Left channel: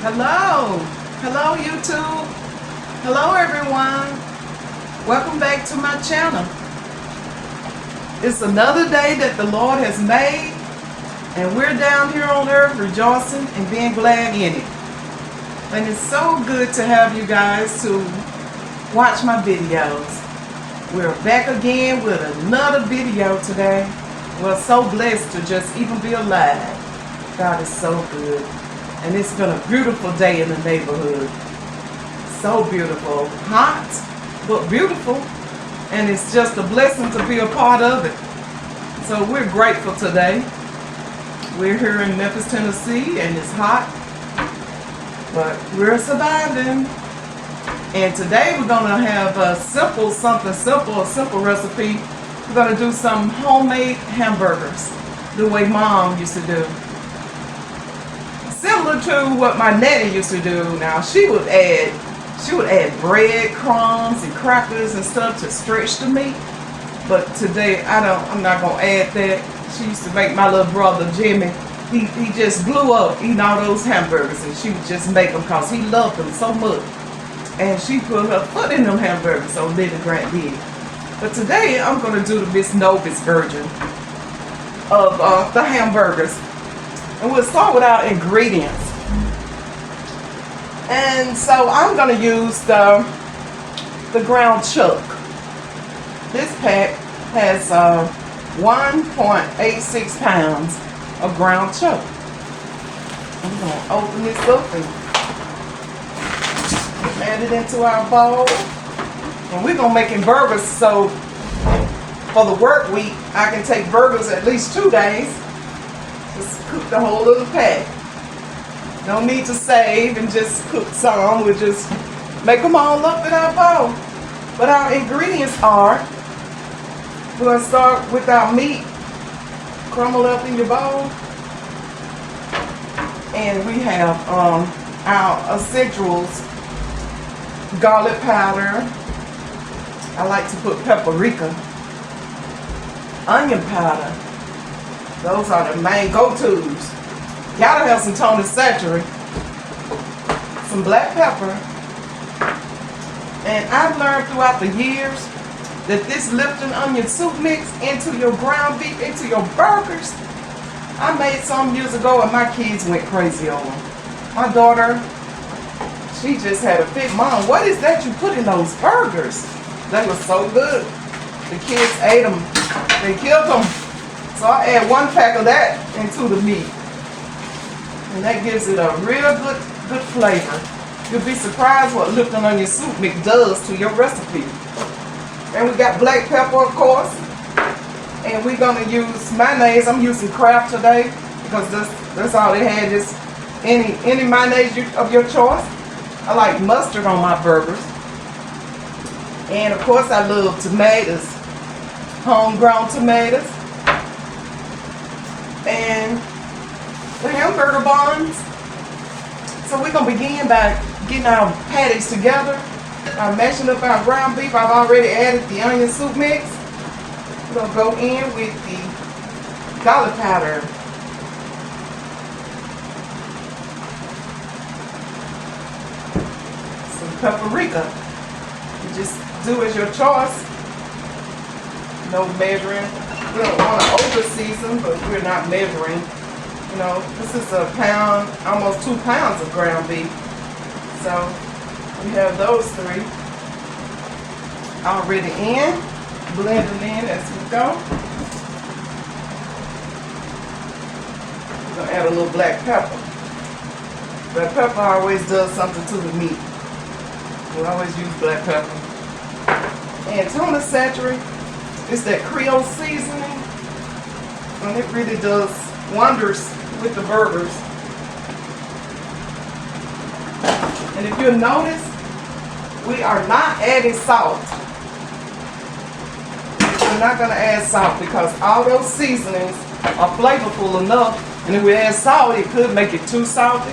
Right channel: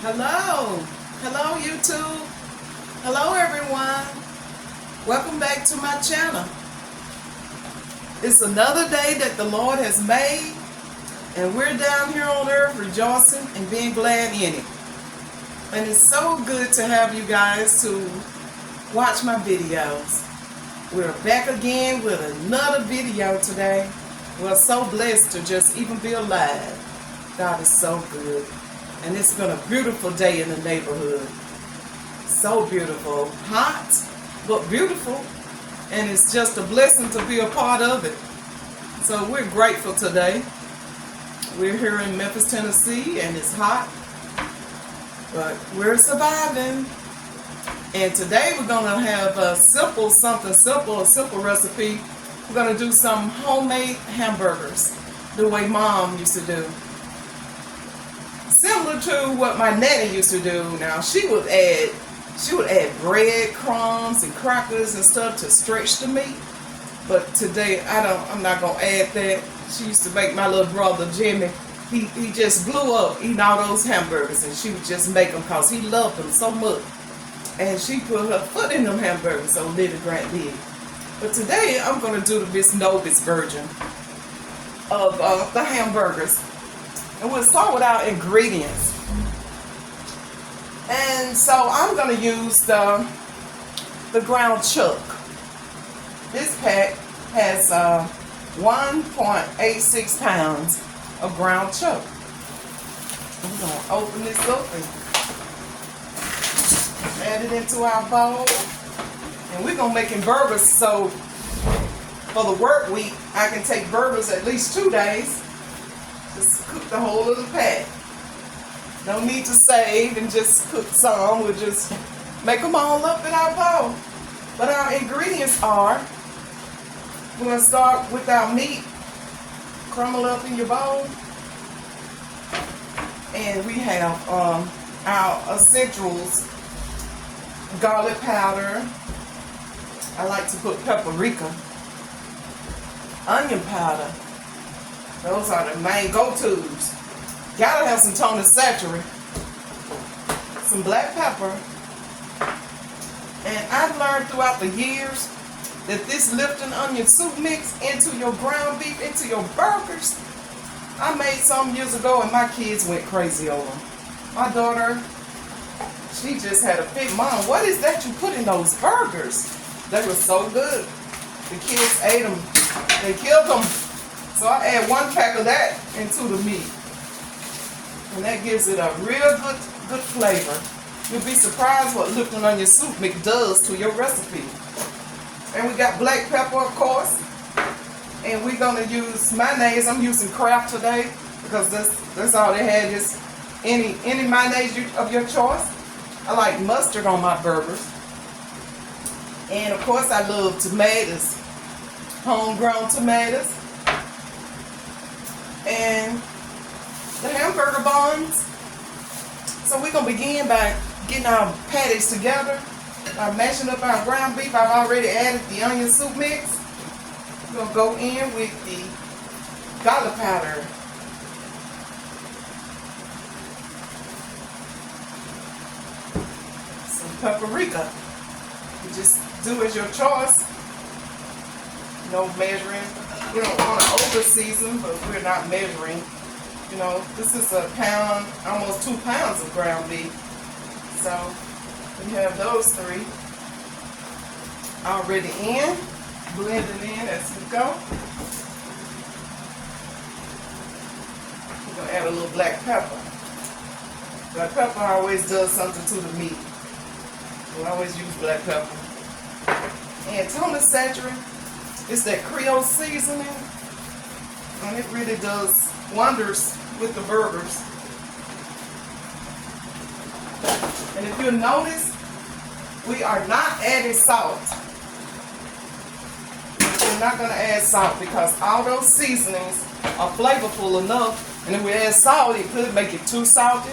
Hello. Hello, YouTube. Hello, everyone. Welcome back to my channel. It's another day that the Lord has made, and we're down here on earth rejoicing and being glad in it. And it's so good to have you guys to watch my videos. We're back again with another video today. We're so blessed to just even be alive. God is so good. And it's been a beautiful day in the neighborhood. So beautiful. Hot, but beautiful. And it's just a blessing to be a part of it. So we're grateful today. We're here in Memphis, Tennessee, and it's hot. But we're surviving. And today we're going to have a simple recipe. We're going to do some homemade hamburgers, the way Mom used to do. Similar to what my nanny used to do. Now she would add bread crumbs and crackers and stuff to stretch the meat. But today I'm not gonna add that. She used to make my little brother Jimmy. He just blew up eating all those hamburgers, and she would just make them because he loved them so much. And she put her foot in them hamburgers, so little Grant did. But today I'm gonna do the Miss Novice version of the hamburgers. And we'll start with our ingredients. And so I'm going to use the ground chuck. This pack has 1.86 pounds of ground chuck. I'm going to open this up and add it into our bowl. And we're going to make burgers, so for the work week, I can take burgers at least 2 days. Just cook the whole little pack. No need to save and just cook some. We'll just make them all up in our bowl. But our ingredients are, we're going to start with our meat. Crumble up in your bowl. And we have our essentials. Garlic powder. I like to put paprika. Onion powder. Those are the main go-tos. Gotta have some Tony Satchery, some black pepper, and I've learned throughout the years that this Lipton onion soup mix into your ground beef, into your burgers. I made some years ago and my kids went crazy over them. My daughter, she just had a fit. Mom, what is that you put in those burgers? They were so good. The kids ate them. They killed them. So I add 1 pack of that into the meat. And that gives it a real good flavor. You'll be surprised what Lipton onion soup mix does to your recipe. And we got black pepper, of course. And we're going to use mayonnaise. I'm using Kraft today because that's all they had, is any mayonnaise of your choice. I like mustard on my burgers. And of course I love tomatoes, homegrown tomatoes. And the hamburger buns. So we're going to begin by getting our patties together. Mashing up our ground beef. I've already added the onion soup mix. We're going to go in with the garlic powder. Some paprika. You just do as your choice. No measuring. We don't want to over season, but we're not measuring. You know, this is a pound, almost 2 pounds of ground beef. So we have those 3 already in, blending in as we go. We're going to add a little black pepper. Black pepper always does something to the meat. We always use black pepper. And Tony Satchery, it's that Creole seasoning, and it really does wonders with the burgers. And if you'll notice, we are not adding salt. We're not going to add salt because all those seasonings are flavorful enough, and if we add salt, it could make it too salty.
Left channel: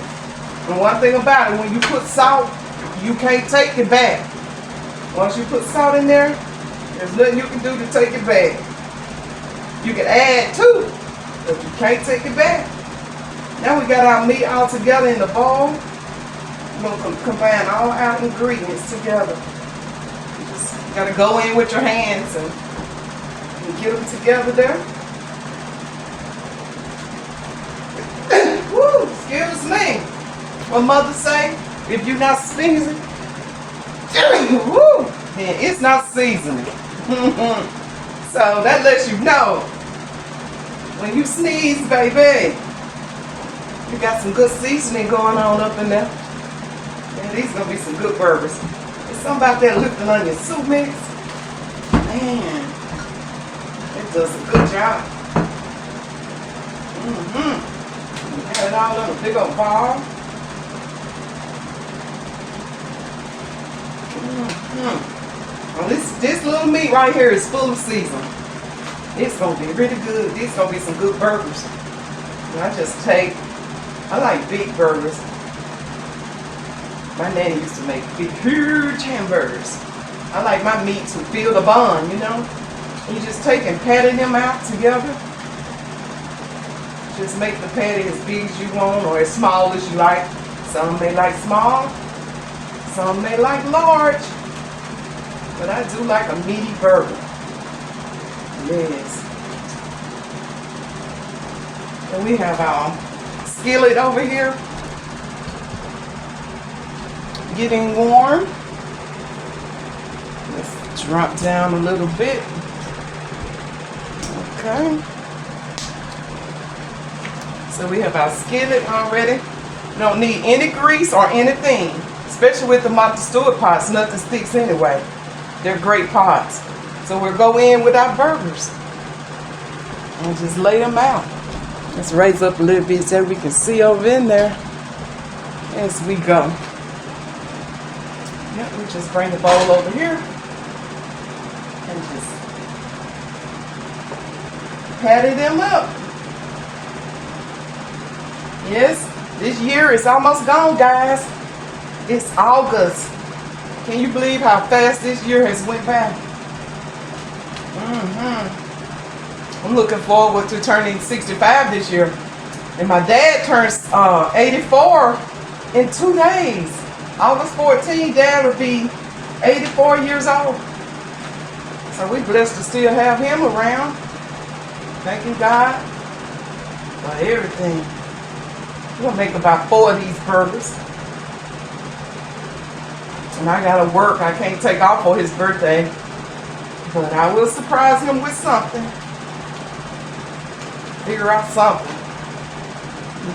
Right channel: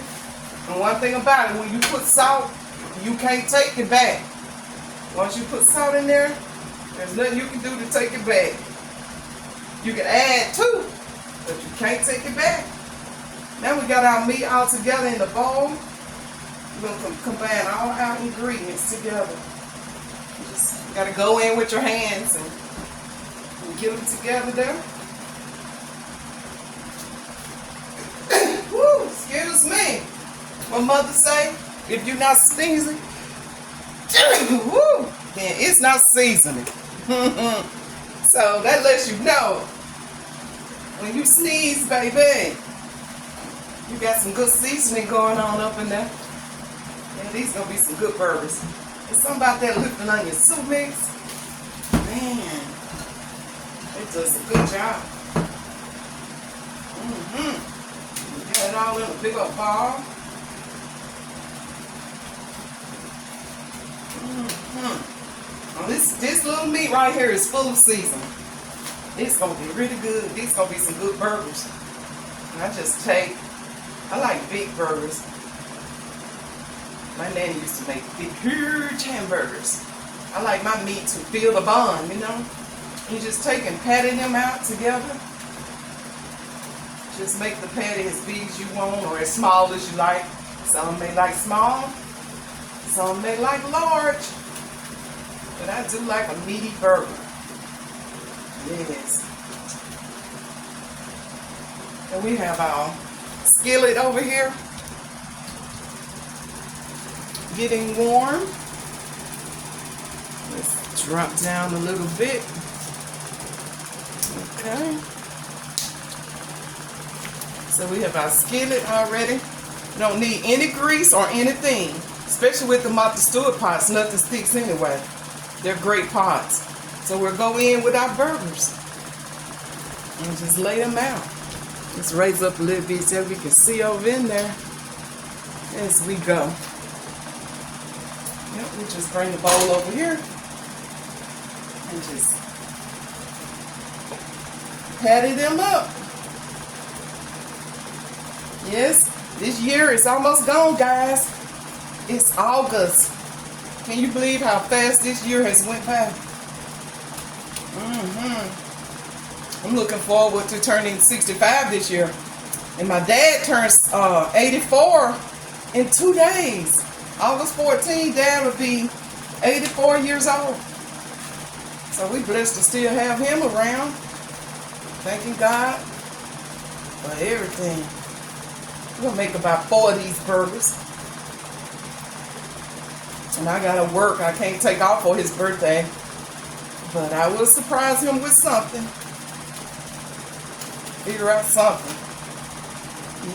And one thing about it, when you put salt, you can't take it back. Once you put salt in there, there's nothing you can do to take it back. You can add to, but you can't take it back. Now we got our meat all together in the bowl. We're going to combine all our ingredients together. You just got to go in with your hands and get them together there. Woo, excuse me. What mother say? If you're not seasoning, woo, then it's not seasoning. So that lets you know when you sneeze, baby, you got some good seasoning going on up in there. Yeah, these gonna be some good burgers. There's something about that lifting onion soup mix. Man, it does a good job. Have it all in a big old ball. Well, this little meat right here is full of seasoning. It's gonna be really good. These gonna be some good burgers. And I like big burgers. My nanny used to make big, huge hamburgers. I like my meat to feel the bun, you know. You just take and patty them out together. Just make the patty as big as you want or as small as you like. Some may like small, some may like large. But I do like a meaty burger. Yes. And we have our skillet over here getting warm. Let's drop down a little bit. Okay. So we have our skillet already. Don't need any grease or anything, especially with the Martha Stewart pots. Nothing sticks anyway. They're great pots. So we'll go in with our burgers and just lay them out. Let's raise up a little bit so we can see over in there as we go. Yep, we just bring the bowl over here and just patty them up. Yes, this year is almost gone, guys. It's August. Can you believe how fast this year has went by? I'm looking forward to turning 65 this year. And my dad turns 84 in 2 days. August 14, Dad would be 84 years old. So we're blessed to still have him around. Thanking God for everything. We're going to make about 4 of these burgers. And I got to work. I can't take off for his birthday. But I will surprise him with something. Figure out something.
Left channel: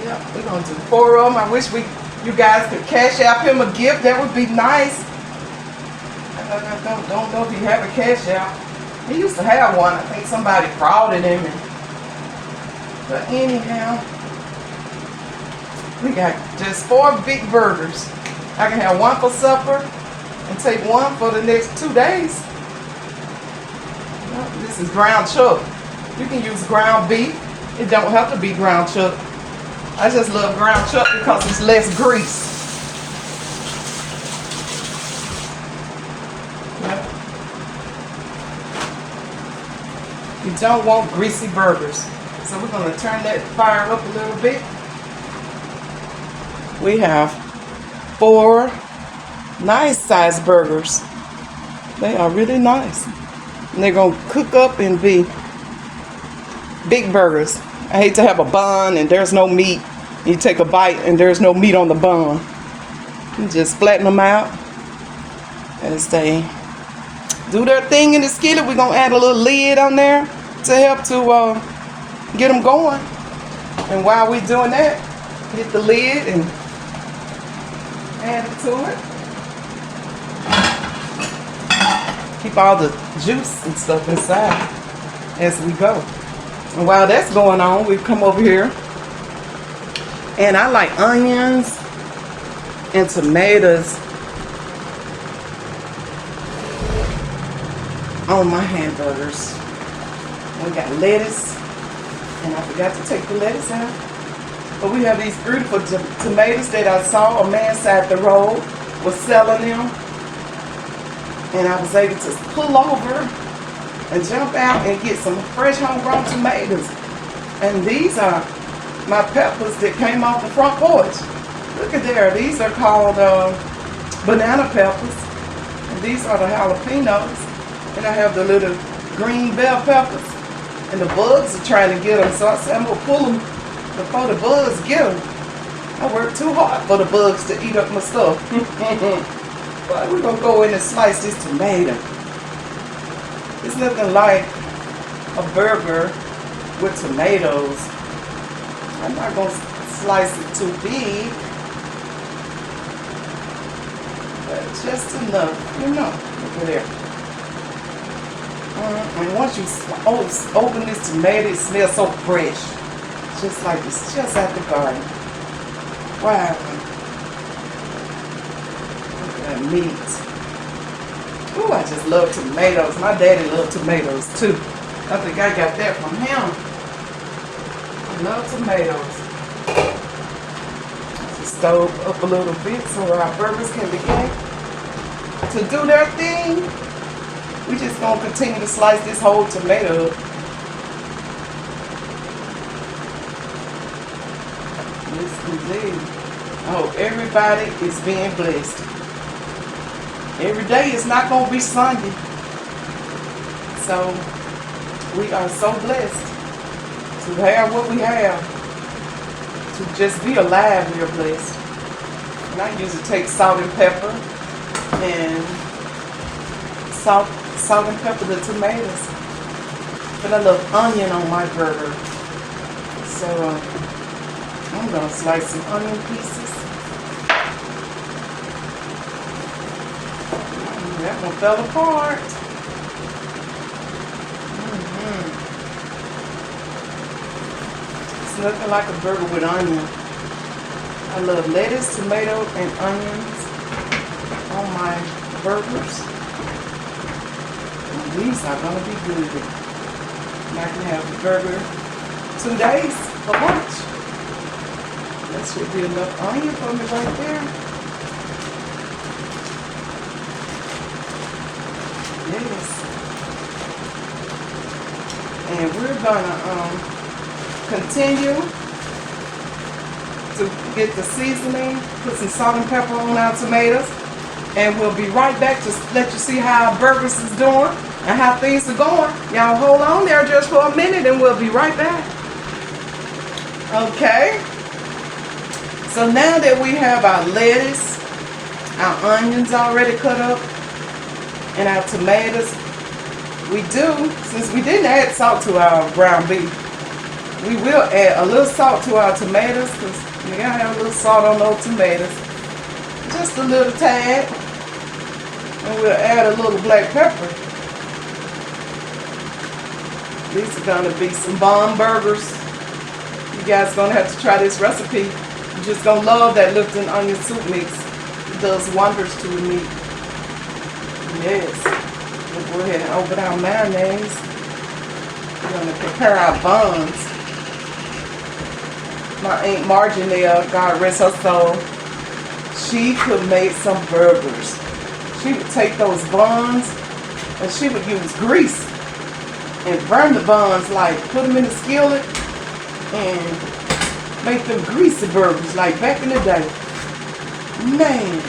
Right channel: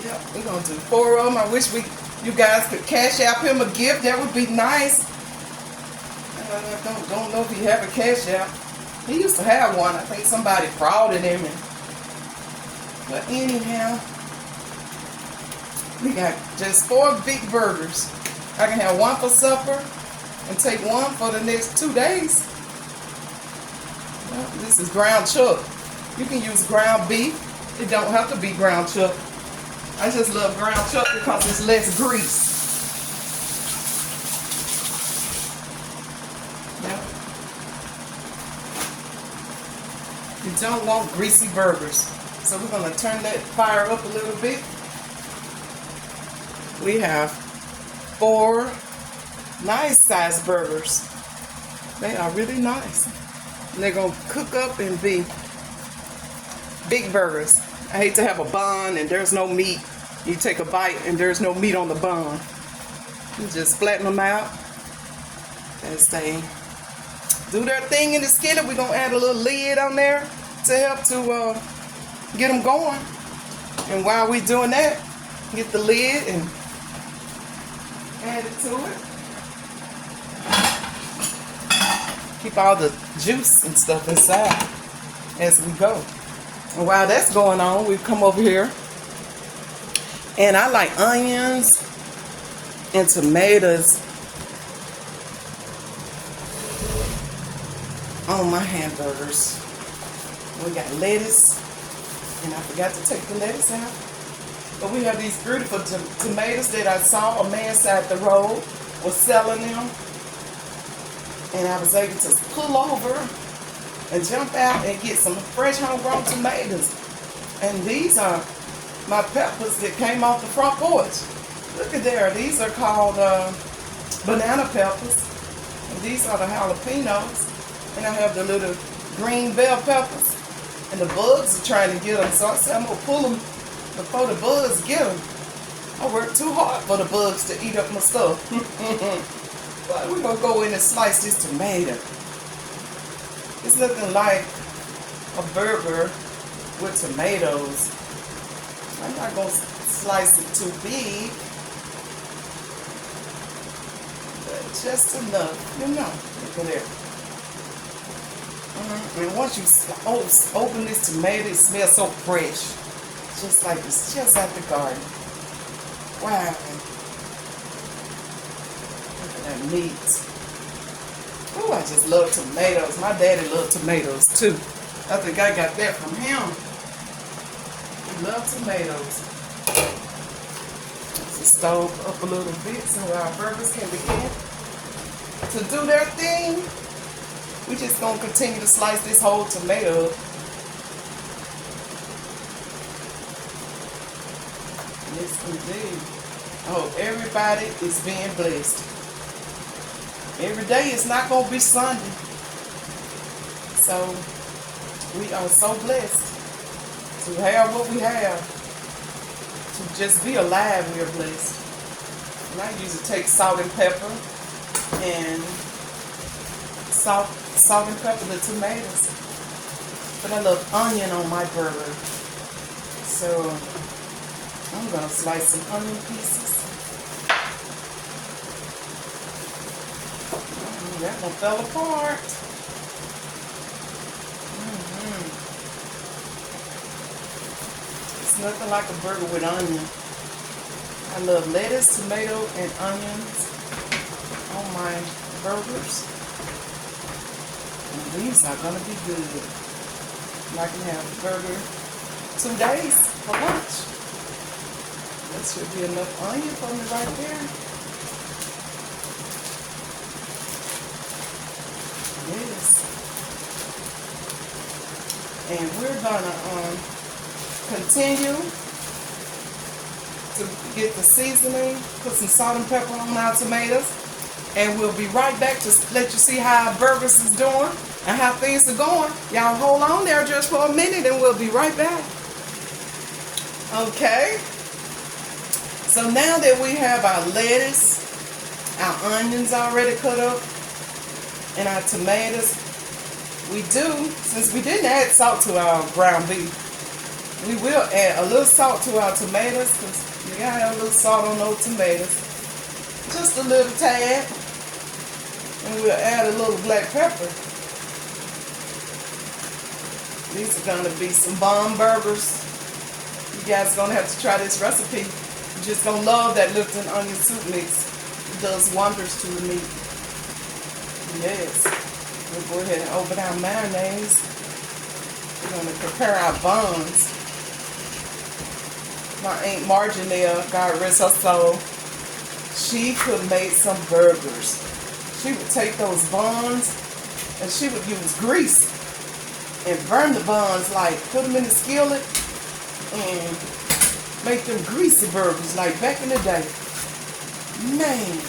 Yep, we're going to do 4 of them. I wish you guys could cash out him a gift. That would be nice. I don't know if he have a cash out. He used to have one. I think somebody frauded him. But anyhow, we got just 4 big burgers. I can have one for supper and take one for the next 2 days. This is ground chuck. You can use ground beef. It don't have to be ground chuck. I just love ground chuck because it's less grease. Yep. You don't want greasy burgers. So we're going to turn that fire up a little bit. We have 4 nice sized burgers. They are really nice. And they're going to cook up and be big burgers. I hate to have a bun and there's no meat. You take a bite and there's no meat on the bun. You just flatten them out as they do their thing in the skillet. We're going to add a little lid on there to help to get them going. And while we're doing that, get the lid and add it to it. Keep all the juice and stuff inside as we go. And while that's going on, we come over here. And I like onions and tomatoes on my hamburgers. We got lettuce. And I forgot to take the lettuce out. But we have these beautiful tomatoes that I saw a man side the road was selling them. And I was able to pull over and jump out and get some fresh homegrown tomatoes. And these are my peppers that came off the front porch. Look Look at there. These are called banana peppers. And these are the jalapenos. And I have the little green bell peppers. And the bugs are trying to get them. So I said I'm going to pull them before the bugs get them. I worked too hard for the bugs to eat up my stuff. But we're going to go in and slice this tomato. It's nothing like a burger with tomatoes. I'm not going to slice it too big. But just enough, you know. Look at there. And once you open this tomato, it smells so fresh. Just like it's just out the garden. Wow. Look at that meat. Oh, I just love tomatoes. My daddy loved tomatoes too. I think I got that from him. I love tomatoes. Stove up a little bit so our burgers can begin to do their thing. We just gonna continue to slice this whole tomato up. Yes, indeed. I hope everybody is being blessed. Every day is not going to be Sunday. So, we are so blessed to have what we have. To just be alive, we are blessed. And I usually take salt and pepper and salt and pepper the tomatoes. But I love onion on my burger. So, I'm going to slice some onion pieces. That one fell apart. It's nothing like a burger with onion. I love lettuce, tomato, and onions on my burgers. And these are going to be good. And I can have the burger 2 days for lunch. That should be enough onion for me right there. Yes. And we're gonna continue to get the seasoning, put some salt and pepper on our tomatoes, and we'll be right back to let you see how our burgers is doing and how things are going. Y'all hold on there just for a minute and we'll be right back. Okay. So now that we have our lettuce, our onions already cut up, and our tomatoes, since we didn't add salt to our ground beef, we will add a little salt to our tomatoes because you gotta have a little salt on those tomatoes. Just a little tad. And we'll add a little black pepper. These are gonna be some bomb burgers. You guys are gonna have to try this recipe. You're just gonna love that Lipton onion soup mix. It does wonders to the meat. Yes. We'll go ahead and open our mayonnaise. We're going to prepare our buns. My Aunt Margie there, God rest her soul, she could make some burgers. She would take those buns and she would use grease and burn the buns, like put them in the skillet and make them greasy burgers like back in the day. Man.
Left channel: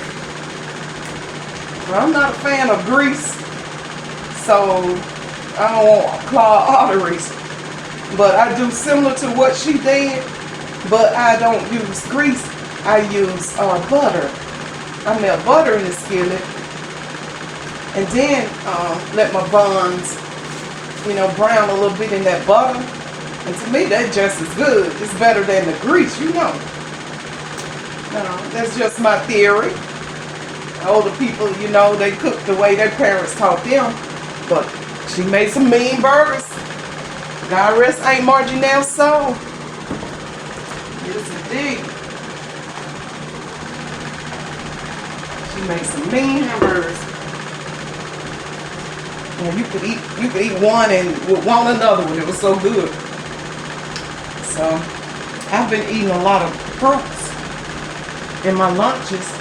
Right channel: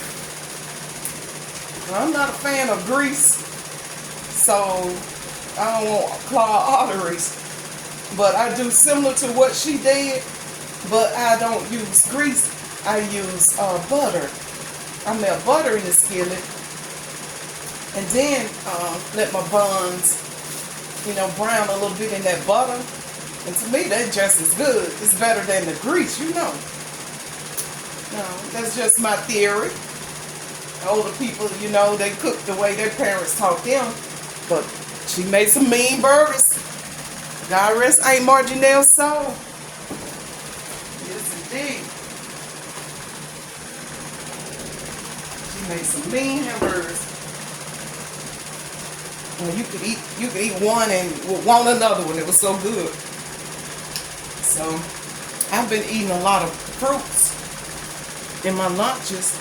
I'm not a fan of grease, so I don't want clogged arteries. But I do similar to what she did, but I don't use grease. I use butter. I melt butter in the skillet, and then let my buns, brown a little bit in that butter. And to me, that's just as good. It's better than the grease, Now, that's just my theory. Older people, they cook the way their parents taught them. But she made some mean burgers. God rest Aunt Marginelle's soul. Yes, indeed. She made some mean hamburgers. And you could eat one and want another one. It was so good. So I've been eating a lot of fruits in my lunches.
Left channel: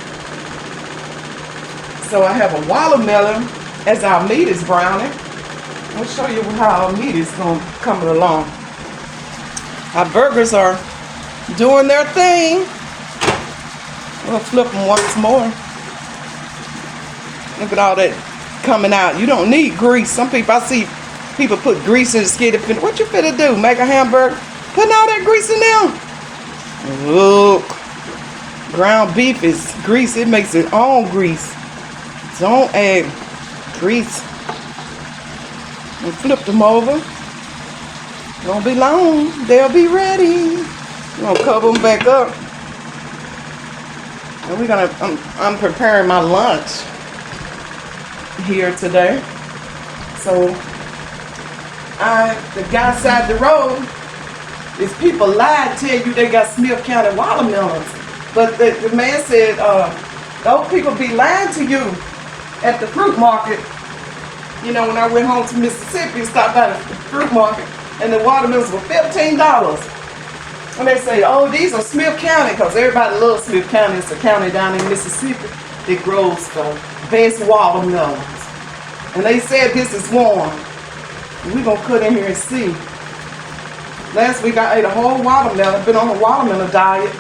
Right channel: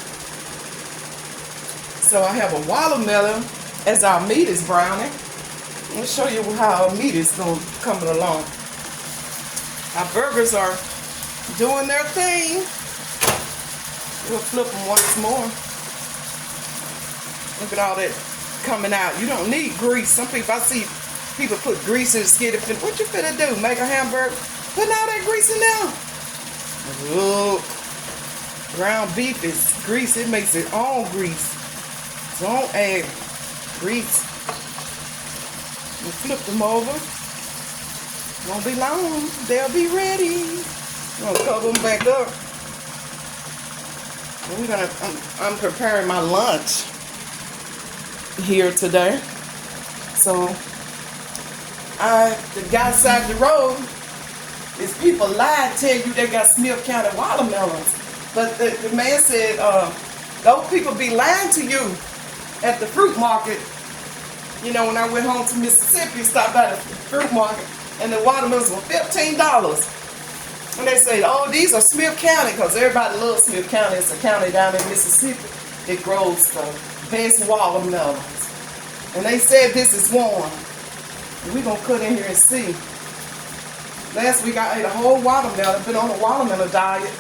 So I have a watermelon as our meat is browning. I'll show you how our meat is coming along. Our burgers are doing their thing. We'll flip them once more. Look at all that coming out. You don't need grease. Some people, I see people put grease in the skid. What you finna do? Make a hamburger? Putting all that grease in there? Look. Ground beef is grease. It makes its own grease. Don't add grease. And flip them over. Won't be long. They'll be ready. We're gonna cover them back up. And we're gonna, I'm preparing my lunch here today. So, the guy side the road is people lie, tell you they got Smith County watermelons. But the man said, those people be lying to you at the fruit market. You know, when I went home to Mississippi, stopped by the fruit market, and the watermelons were $15. And they say, oh, these are Smith County, because everybody loves Smith County. It's a county down in Mississippi that grows the best watermelons. And they said this is one. We're going to cut in here and see. Last week I ate a whole watermelon. I've been on a watermelon diet.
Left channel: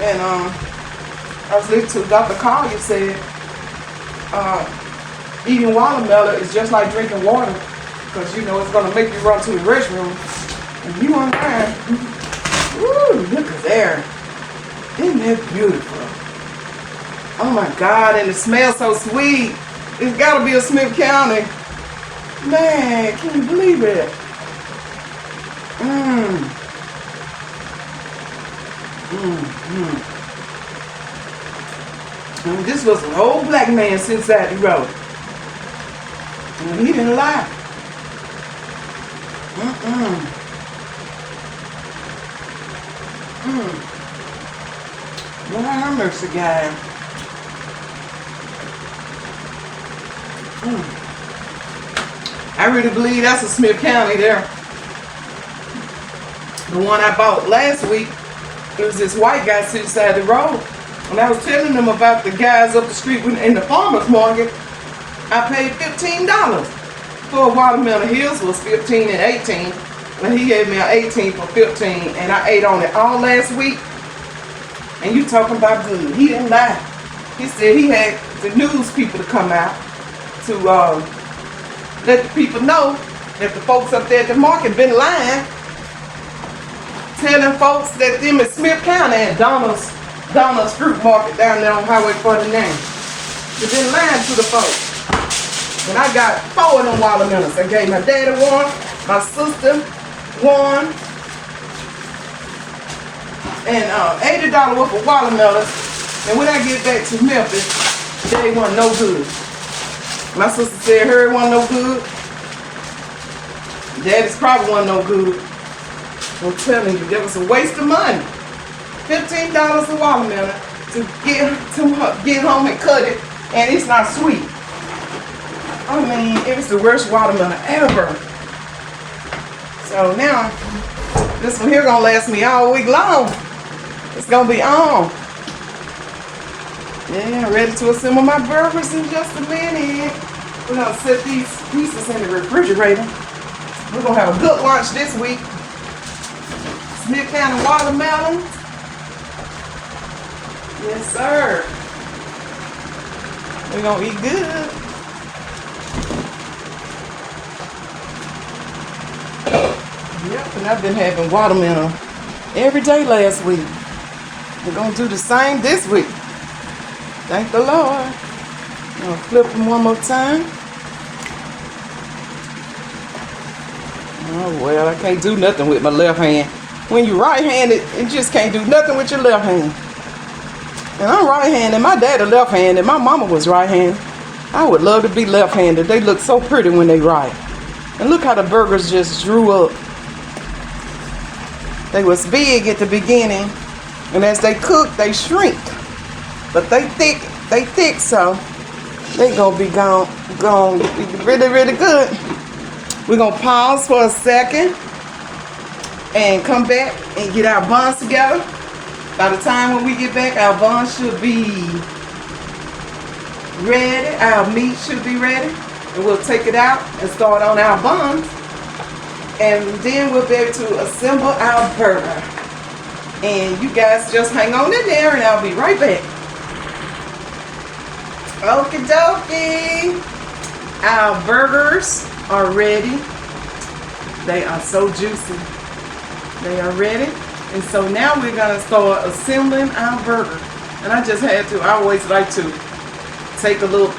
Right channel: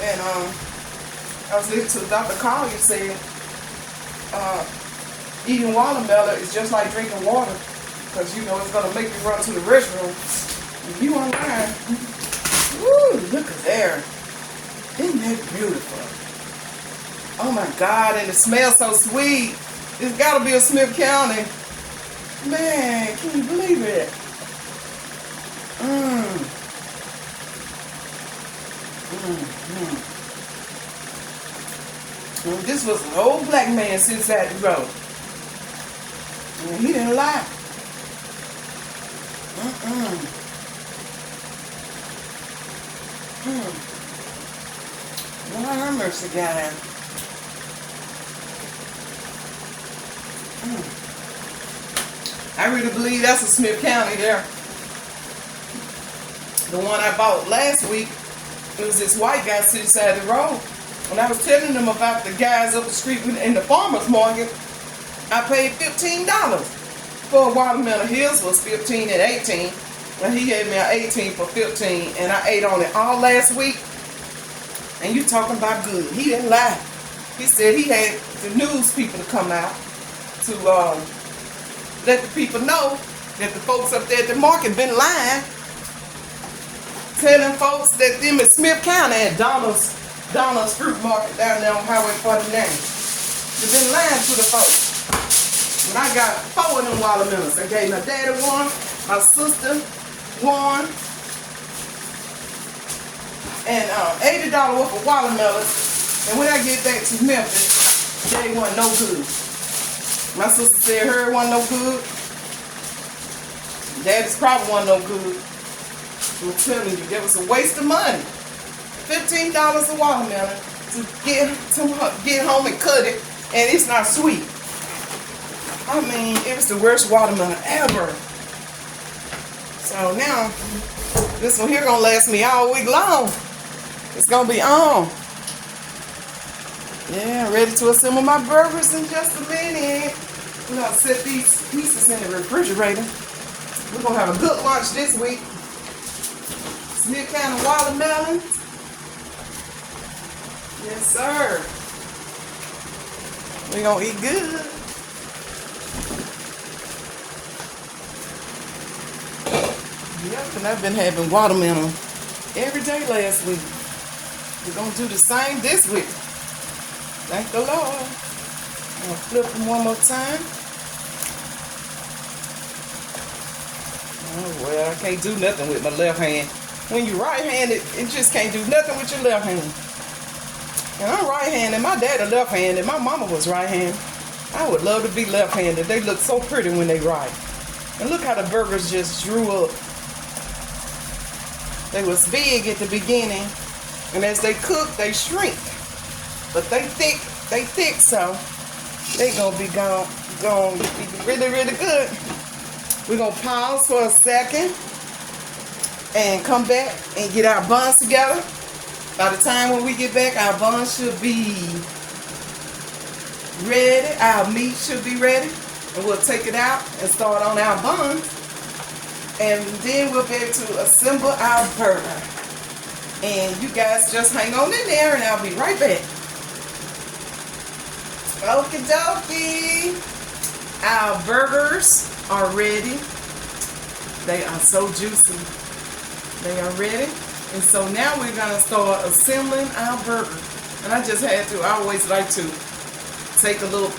And I was listening to Dr. Collier said, eating watermelon is just like drinking water, because you know it's going to make you run to the restroom. And you on there. Woo, look at there. Isn't that beautiful? Oh my God, and it smells so sweet. It's got to be a Smith County. Man, can you believe it? And this was an old black man sitting beside the road. And he didn't lie. Lord have mercy, guy. I really believe that's a Smith County there. The one I bought last week, it was this white guy sitting beside the road. When I was telling them about the guys up the street in the farmer's market, I paid $15 for a watermelon. His was $15 and $18, but he gave me an $18 for $15, and I ate on it all last week. And you talking about good? He didn't lie. He said he had the news people to come out to let the people know that the folks up there at the market been lying, telling folks that them in Smith County at Donald's Fruit Market down there on Highway 49. They've been lying to the folks. And I got 4 of them watermelons. I gave my daddy one, my sister one, and $80 worth of watermelons. And when I get back to Memphis, they wasn't no good. My sister said her wasn't no good. Daddy's probably wasn't no good. I'm telling you, that was a waste of money. $15 a watermelon to get home and cut it, and it's not sweet. I mean, it was the worst watermelon ever. So now, this one here gonna last me all week long. It's gonna be on. Yeah, ready to assemble my burgers in just a minute. We're gonna set these pieces in the refrigerator. We're gonna have a good lunch this week. Smith County watermelon. Yes, sir. We're gonna eat good. Yep, and I've been having watermelon every day last week. We're gonna do the same this week. Thank the Lord. I'm gonna flip them one more time. Oh well, I can't do nothing with my left hand. When you're right-handed, you just can't do nothing with your left hand. And I'm right-handed. My daddy left-handed. My mama was right-handed. I would love to be left-handed. They look so pretty when they write. And look how the burgers just drew up. They was big at the beginning, and as they cook, they shrink. But they thick, so they gonna be gone really, really good. We're gonna pause for a second and come back and get our buns together. By the time when we get back, our buns should be ready. Our meat should be ready. And we'll take it out and start on our buns. And then we'll be able to assemble our burger. And you guys just hang on in there and I'll be right back. Okie dokie. Our burgers are ready. They are so juicy. They are ready. And so now we're going to start assembling our burger. And I just had to, I always like to take a little,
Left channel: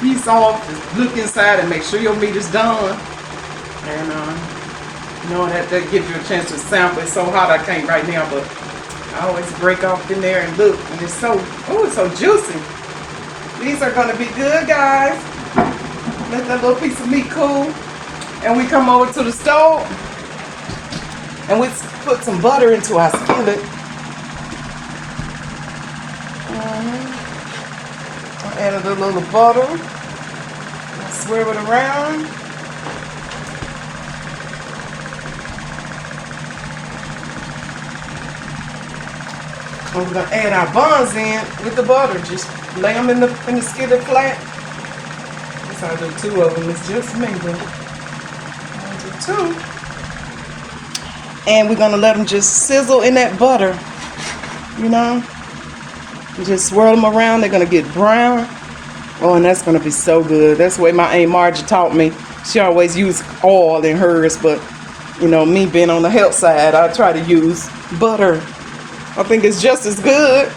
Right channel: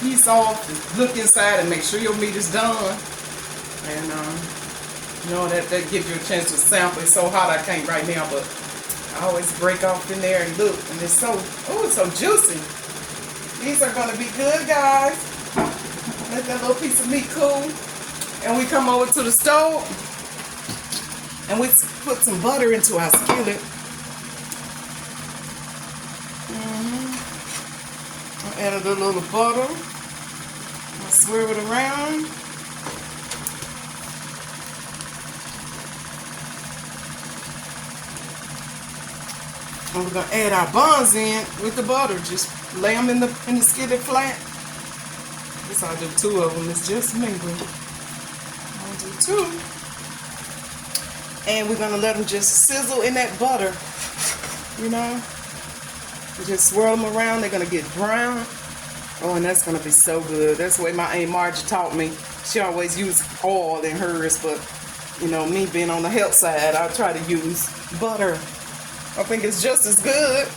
piece off, just look inside and make sure your meat is done. And, that gives you a chance to sample. It's so hot I can't right now, but I always break off in there and look. And it's so juicy. These are going to be good, guys. Let that little piece of meat cool. And we come over to the stove. And we put some butter into our skillet. I added a little butter. I'll swirl it around. And we're gonna add our buns in with the butter. Just lay them in the skillet flat. Guess I'll do 2 of them. It's just me, but I'll do 2. And we're gonna let them just sizzle in that butter. Just swirl them around. They're gonna get brown. Oh, and that's gonna be so good. That's the way my Aunt Margie taught me. She always used oil in hers, but me being on the health side, I try to use butter. I think it's just as good.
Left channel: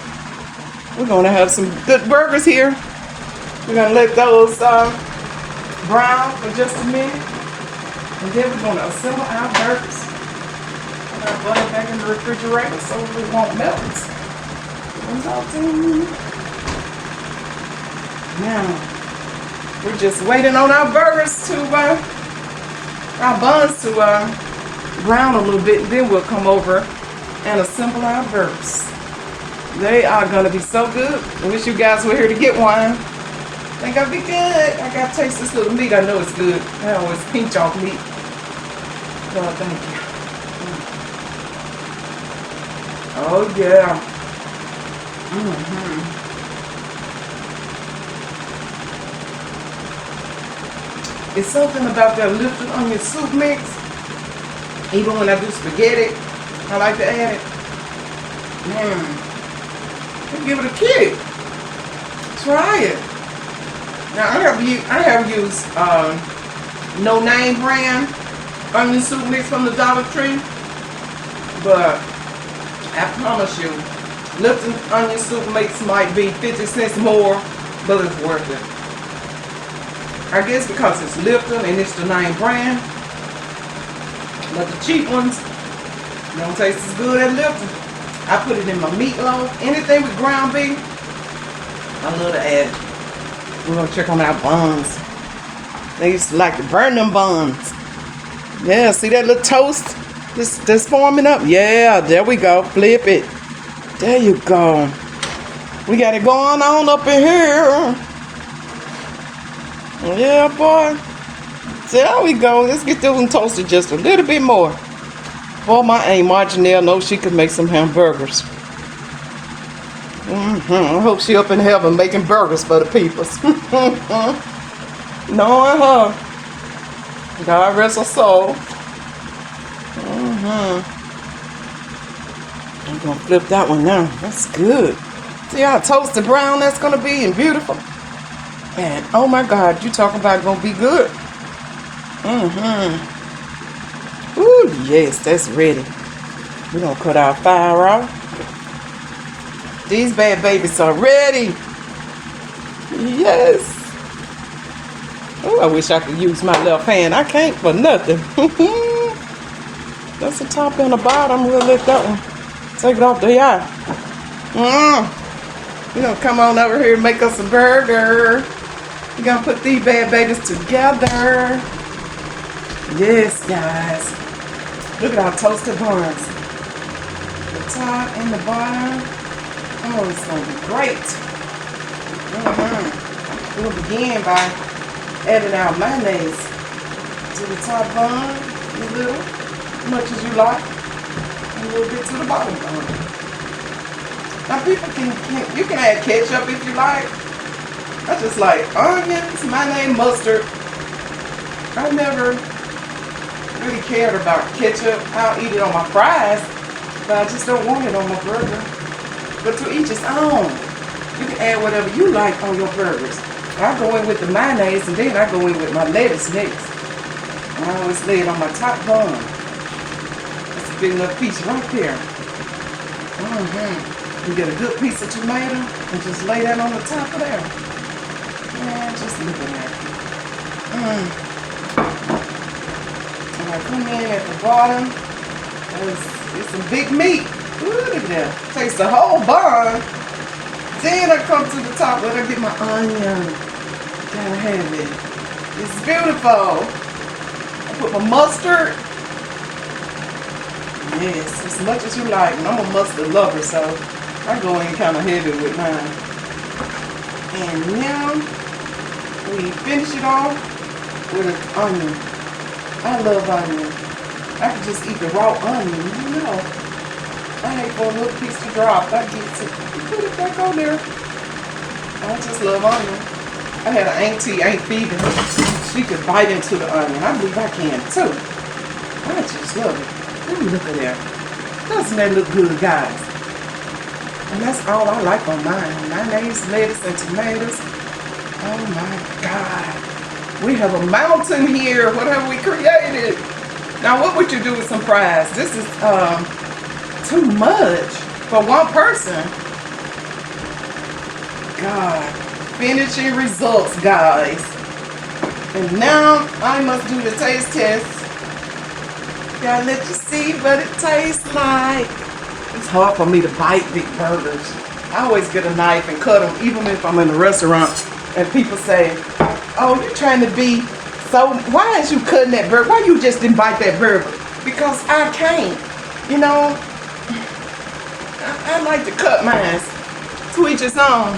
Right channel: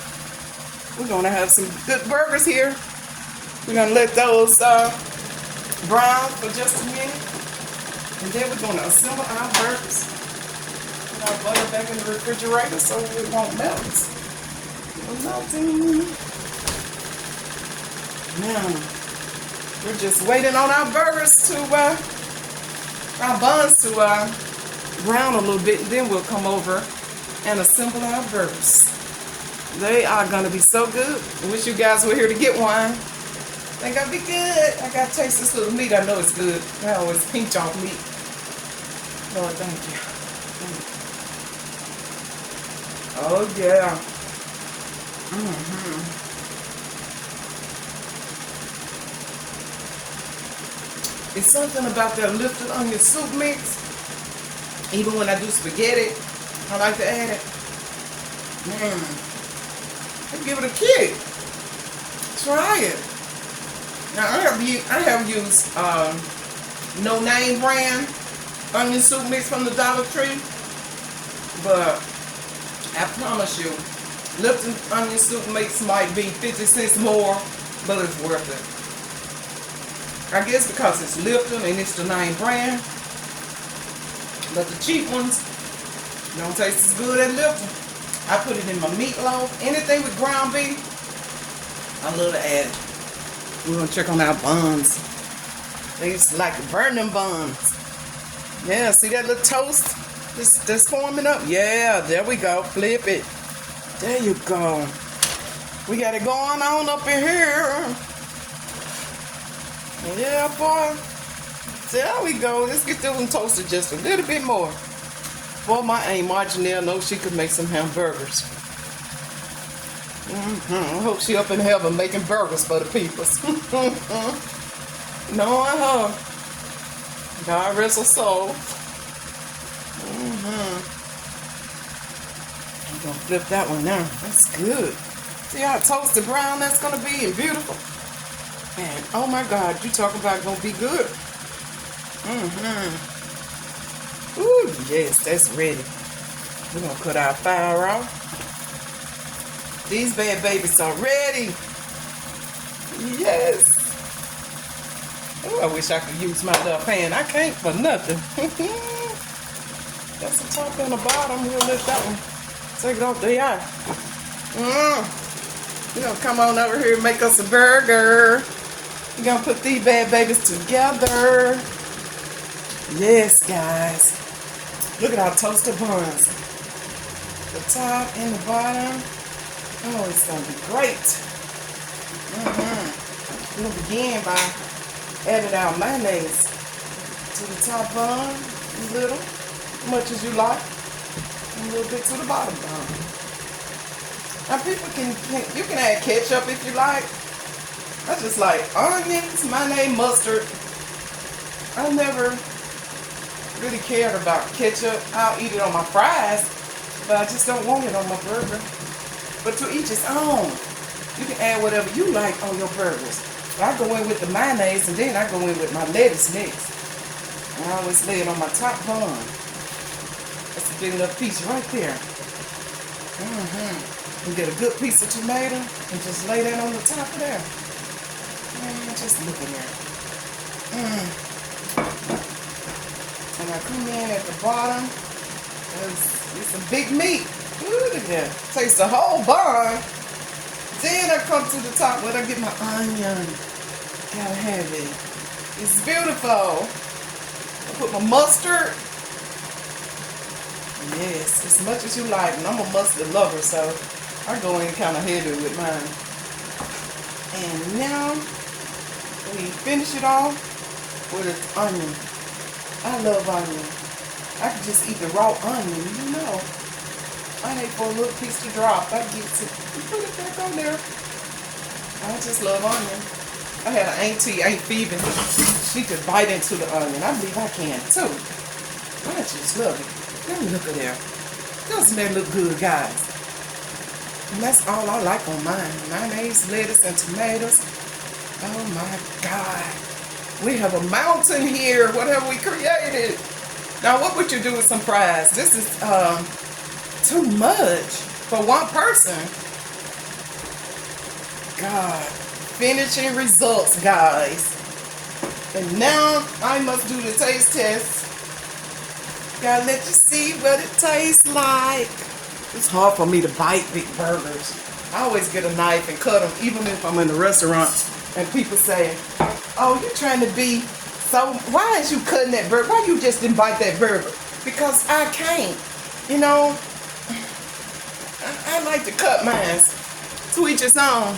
We're gonna have some good burgers here. We're gonna let those brown for just a minute, and then we're gonna assemble our burgers. Put our butter back in the refrigerator so it won't melt. Now, we're just waiting on our burgers to, our buns to brown a little bit, and then we'll come over and assemble our burgers. They are going to be so good. I wish you guys were here to get one. They're going to be good. I got to taste this little meat. I know it's good. I always pinch off meat. Oh, thank you. Oh, yeah. It's something about that lifted onion soup mix. Even when I do spaghetti, I like to add it. Give it a kick. Try it. Now I have used no name brand onion soup mix from the Dollar Tree, but I promise you, Lipton onion soup mix might be 50 cents more, but it's worth it. I guess because it's Lipton and it's the name brand, but the cheap ones don't taste as good as Lipton. I put it in my meatloaf. Anything with ground beef, I love to add. We're gonna check on our buns. They used to like to burn them buns. Yeah, see that little toast that's forming up? Yeah, there we go. Flip it. There you go. We got it going on up in here. Yeah, boy. There we go. Let's get this one toasted just a little bit more. Boy, my Aunt Marginelle knows she could make some hamburgers. I hope she up in heaven making burgers for the peoples. Knowing her. God rest her soul. I'm going to flip that one now. That's good. See how toasted brown that's going to be and beautiful. And oh my God, you talking about it going to be good. Ooh, yes, that's ready. We're going to cut our fire off. These bad babies are ready. Yes. Oh, I wish I could use my left hand. I can't for nothing. That's the top and the bottom. We'll let that one take it off the eye. We're going to come on over here and make us a burger. We're going to put these bad babies together. Yes, guys. Look at our toasted buns. The top and the bottom. Oh, it's going to be great. We'll begin by adding our mayonnaise to the top bun, a little, as much as you like, and a little bit to the bottom bun. Now people you can add ketchup if you like. I just like onions, mayonnaise, mustard. I never really cared about ketchup. I'll eat it on my fries, But I just don't want it on my burger. But to each his own. You can add whatever you like on your burgers. I go in with the mayonnaise and then I go in with my lettuce next. I always lay it on my top bun. That's a big enough piece right there. You get a good piece of tomato and just lay that on the top of there. Man, just look at that. And I come in at the bottom. It's some big meat. Look at that. Takes the whole bun. Then I come to the top where I get my onion. Gotta have it. It's beautiful. I put my mustard. Yes, as much as you like. And I'm a mustard lover, so I go in kind of heavy with mine. And now we finish it off with an onion. I love onion. I can just eat the raw onion, you know. I hate for a little piece to drop. I get to put it back on there. I just love onion. I had an auntie, Aunt Phoebe. She could bite into the onion. I believe I can too. I just love it. Let me look at that. Doesn't that look good, guys? And that's all I like on mine. Mayonnaise, lettuce, and tomatoes. Oh my God. We have a mountain here. What have we created? Now, what would you do with some fries? This is too much for one person. God. Finishing results, guys. And now I must do the taste test. Gotta let you see what it tastes like. It's hard for me to bite big burgers. I always get a knife and cut them, even if I'm in a restaurant and people say, oh, you're trying to be so, why is you cutting that burger? Why you just didn't bite that burger? Because I can't. You know, I like to cut mine. To each his own.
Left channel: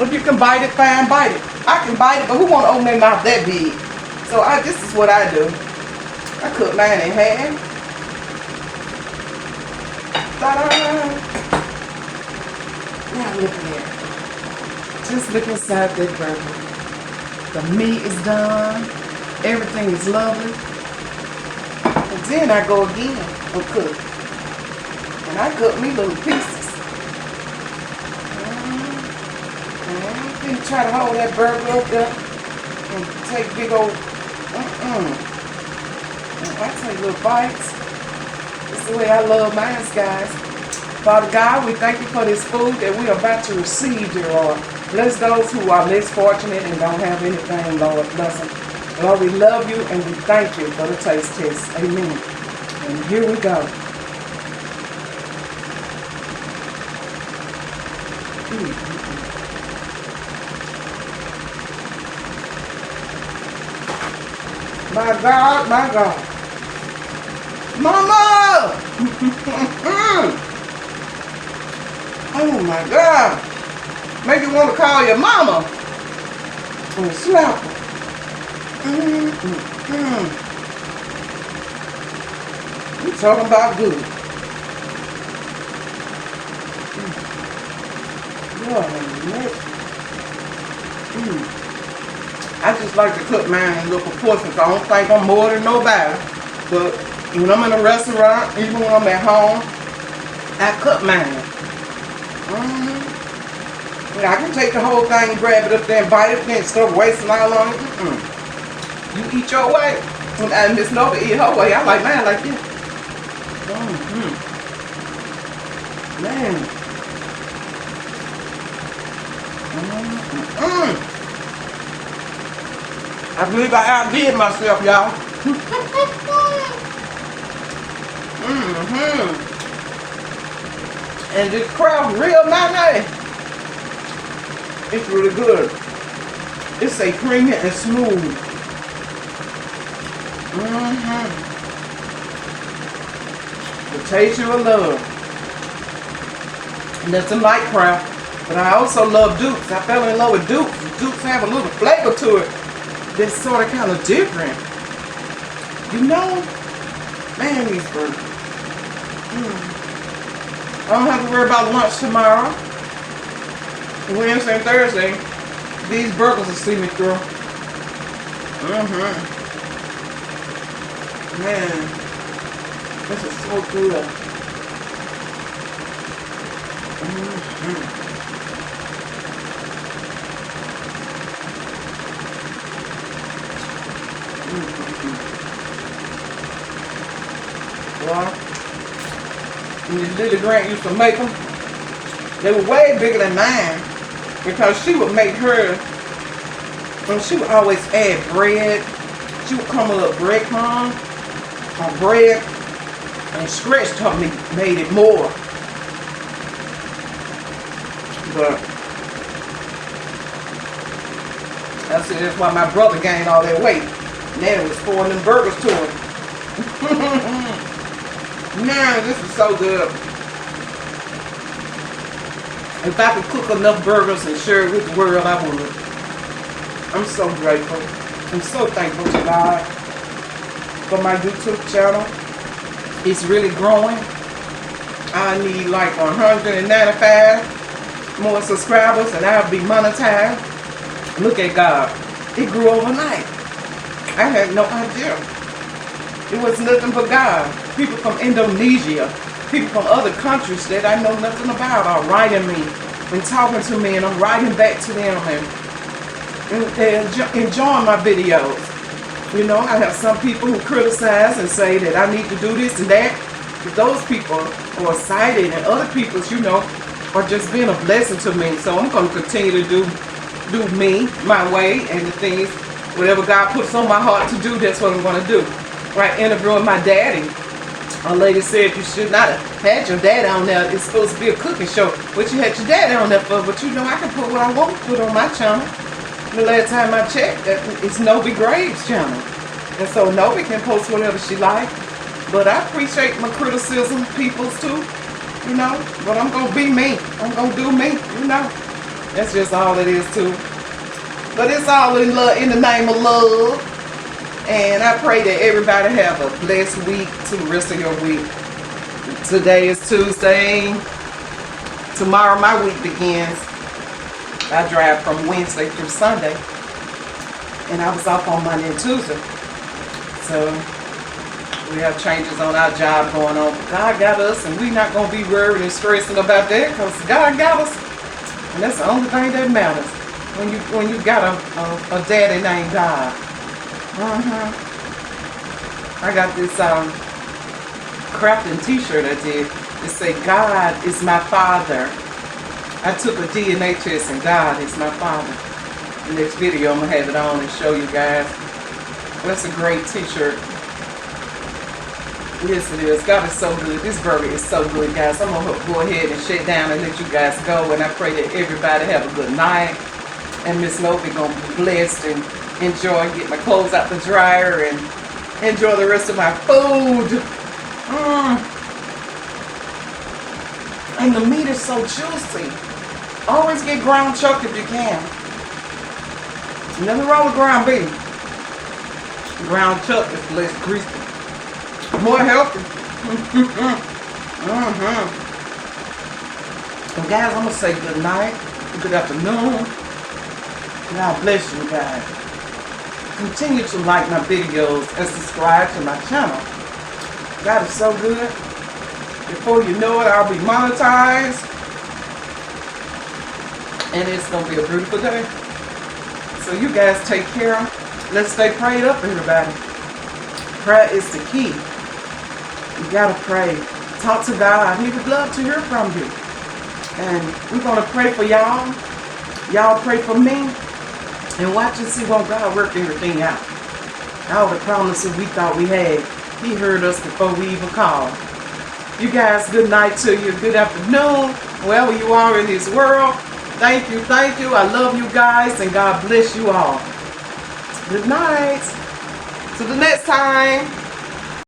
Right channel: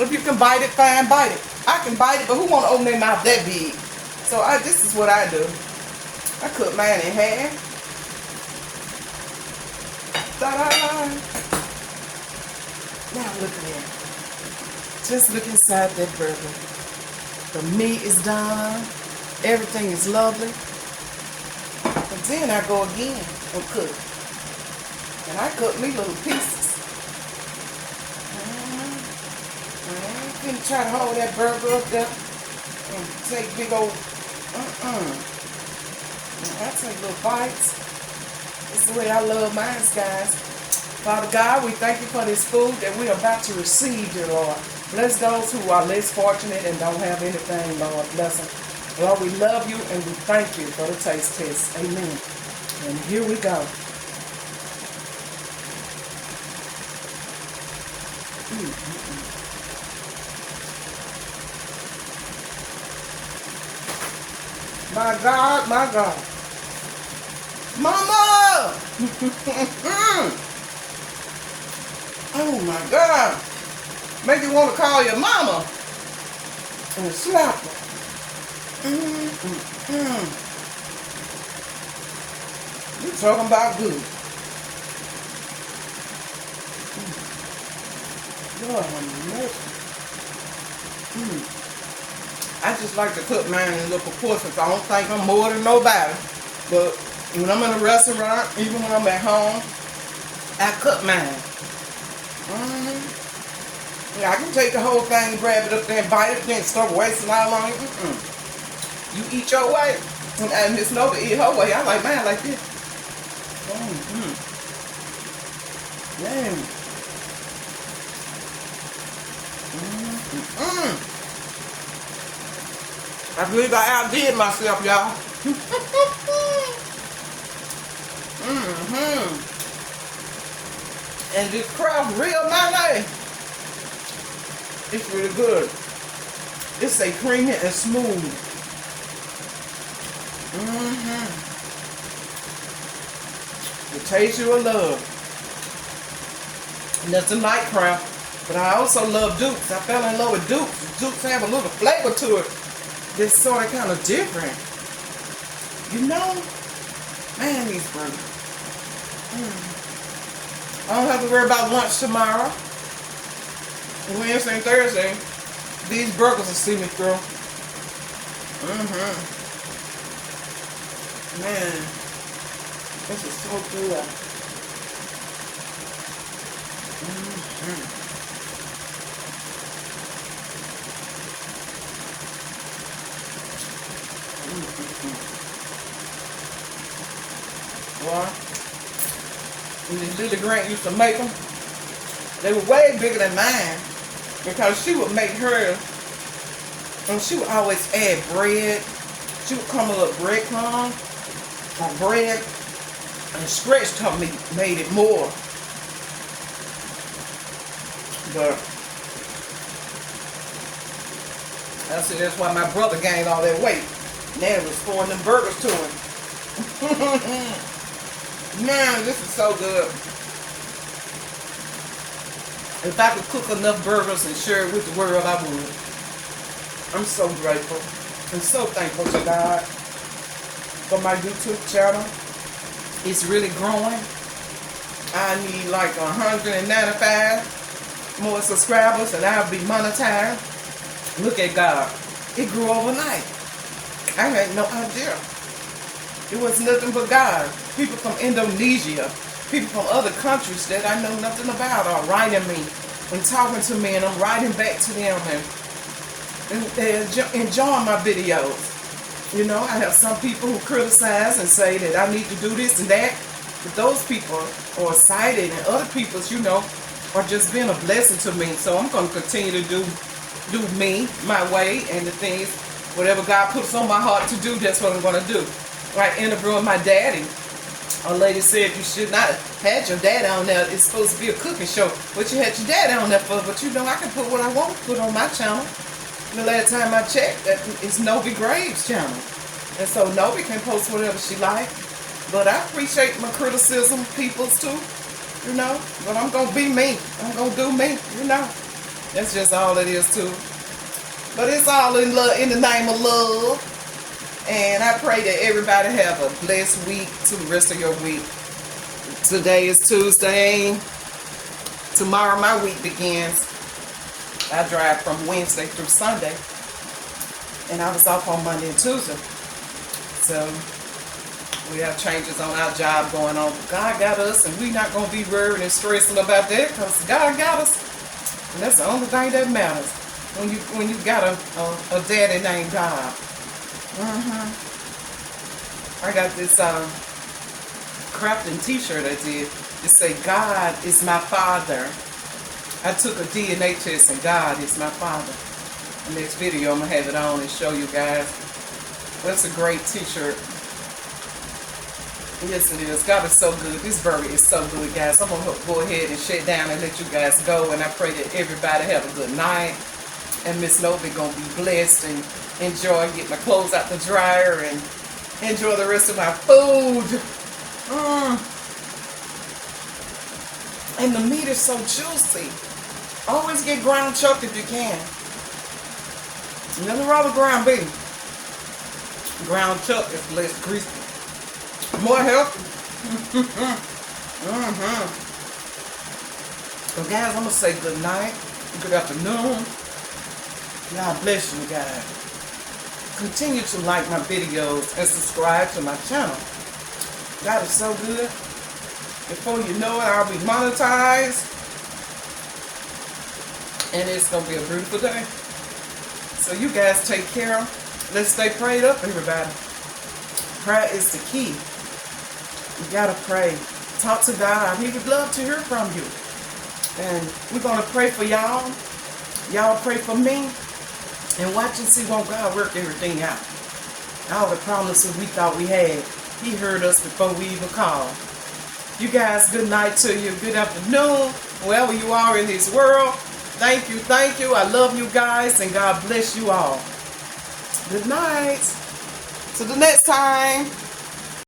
If you can bite it, fine, bite it. I can bite it, but who want to open their mouth that big? So this is what I do. I cut mine in half. Ta-da! Now look at it. Just look inside that burger. The meat is done. Everything is lovely. And then I go again and cook. And I cut me little pieces. And try to hold that burger up there. And take big old, I take little bites. That's the way I love mine, guys. Father God, we thank you for this food that we are about to receive, dear Lord. Bless those who are less fortunate and don't have anything, Lord. Bless them. Lord, we love you and we thank you for the taste test. Amen. And here we go. My God, my God. Mama! Oh my God. Make you want to call your mama and slap her. You talking about good. Lord have mercy. I just like to cook mine in little proportions. I don't think I'm more than nobody. But when I'm in a restaurant, even when I'm at home, I cook mine. I can take the whole thing, grab it up there and bite it, then start wasting all on it. You eat your way. And Miss Nova eat her way. I like mine like this. Man. I believe I outdid myself, y'all. And this crowd real mayonnaise. It's really good. It's a creamy and smooth. The taste you will love. Nothing like crowd. But I also love Dukes. I fell in love with Dukes. Dukes have a little flavor to it that's sort of kind of different. You know? Man, these burgers. I don't have to worry about lunch tomorrow. Wednesday and Thursday. These burgers will see me through. Man. This is so good. Well, Miss Lily Grant used to make them. They were way bigger than mine because she would make hers, and she would always add bread. She would come with a breadcrumb or bread and stretched her meat, made it more. But I said that's why my brother gained all that weight. Now was pouring them burgers to him. Man, this is so good. If I could cook enough burgers and share it with the world, I would. I'm so grateful. I'm so thankful to God for my YouTube channel. It's really growing. I need like 195 more subscribers and I'll be monetized. Look at God. It grew overnight. I had no idea. It was nothing but God. People from Indonesia, people from other countries that I know nothing about are writing me and talking to me, and I'm writing back to them and enjoying my videos. You know, I have some people who criticize and say that I need to do this and that, but those people are excited, and other people's, you know, are just being a blessing to me. So I'm going to continue to do me, my way, and the things, whatever God puts on my heart to do, that's what I'm going to do. Like interviewing my daddy. A lady said you should not have had your daddy on there. It's supposed to be a cooking show. But you had your daddy on there for. But you know, I can put what I want to put on my channel. The last time I checked, it's Novi Graves' channel. And so Novi can post whatever she likes. But I appreciate my criticism, people's too. You know, but I'm going to be me. I'm going to do me, you know. That's just all it is too. But it's all in love, in the name of love. And I pray that everybody have a blessed week to the rest of your week. Today is Tuesday. Tomorrow my week begins. I drive from Wednesday through Sunday. And I was off on Monday and Tuesday. So we have changes on our job going on. God got us, and we're not going to be worried and stressing about that because God got us. And that's the only thing that matters when you got a daddy named God. I got this crafting t-shirt I did. It say, God is my father. I took a DNA test and God is my father. The next video I'm going to have it on and show you guys. That's a great t-shirt. Yes it is. God is so good. This burger is so good, guys. I'm going to go ahead and shut down and let you guys go. And I pray that everybody have a good night. And Miss Novi going to be blessed and enjoy, get my clothes out the dryer and enjoy the rest of my food. And the meat is so juicy. Always get ground chuck if you can. Nothing wrong with ground beef. Ground chuck is less greasy. More healthy. And guys, I'm going to say good night. Good afternoon. God bless you guys. Continue to like my videos and subscribe to my channel. God is so good. Before you know it, I'll be monetized. And it's going to be a beautiful day. So you guys take care. Let's stay prayed up, everybody. Prayer is the key. You got to pray. Talk to God. He would love to hear from you. And we're going to pray for y'all. Y'all pray for me. And watch and see when God work everything out. All the promises we thought we had, He heard us before we even called. You guys, good night to you. Good afternoon. Wherever you are in this world. Thank you. Thank you. I love you guys. And God bless you all. Good night. Till the next time.